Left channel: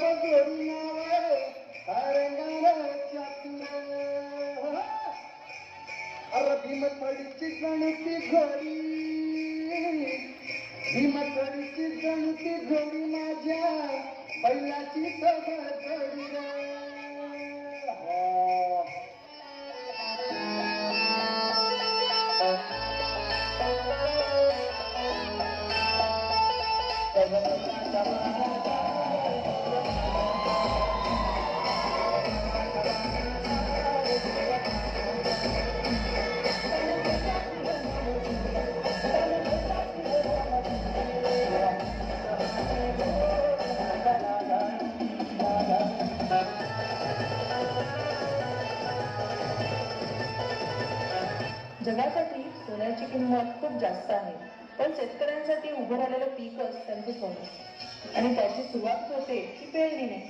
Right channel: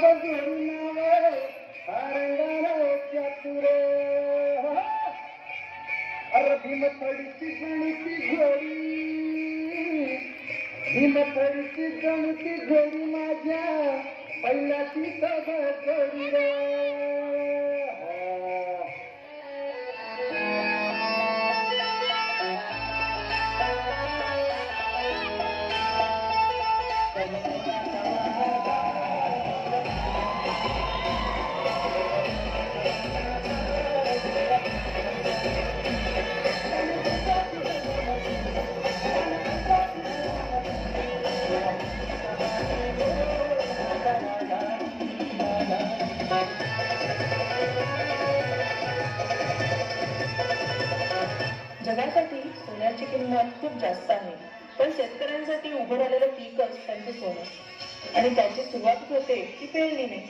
बजोरी नावे रंगार चातुर अरे भीमथडीची गणिती घोडी भीमथडीची गणिती घोडी माझ्या बैलाची सभा घोडी रे जगासाठी सोन्याची किंमत खूप जास्त आहे, पण शेतकऱ्यांसाठी उभं राहिलेलं पीकच त्यांचे सोनं आणि त्याची सुरुवात होते ती पेरणीने.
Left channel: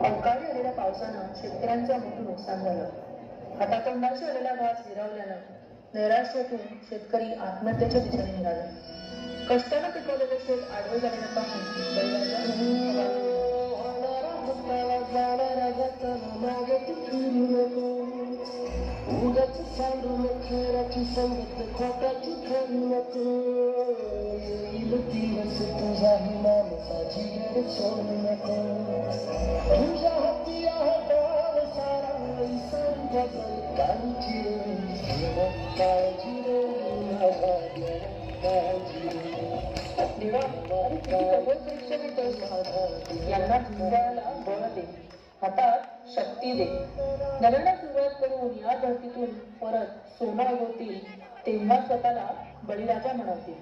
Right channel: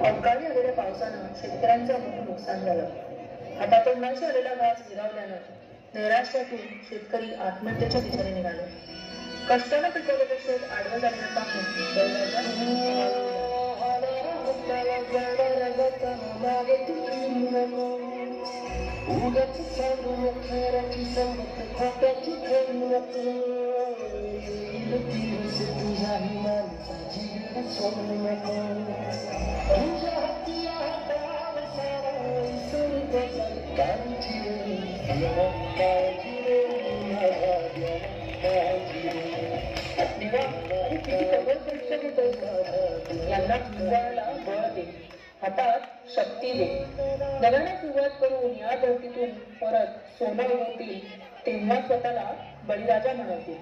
अवकाळी आलेल्या पावसानं शेतकऱ्यांचं मोठं नुकसान झालं. हातातोंडाशी आलेला घास गिरावल्यानं नैराश्यातून शेतकरी आत्महत्येच्या दिशेने निघाले. कष्टानं पिकवलेलं शेत आडवं जाणं पाहून उगाची सांगून खराची संगत खोट्याची जन्मत दिवस तुझ्याही माणसाची गरज सोडू नको तुझ्या हाती आहे डाव सारा विसरून काळजी रे काळजी रे यांना जिंकायला बळ दे, हातात शक्ती दे. नव्यानं सुरुवात करून या धरतीतून परत सोनं होतील तेव्हा स्वतःला बळीराजा म्हणतील.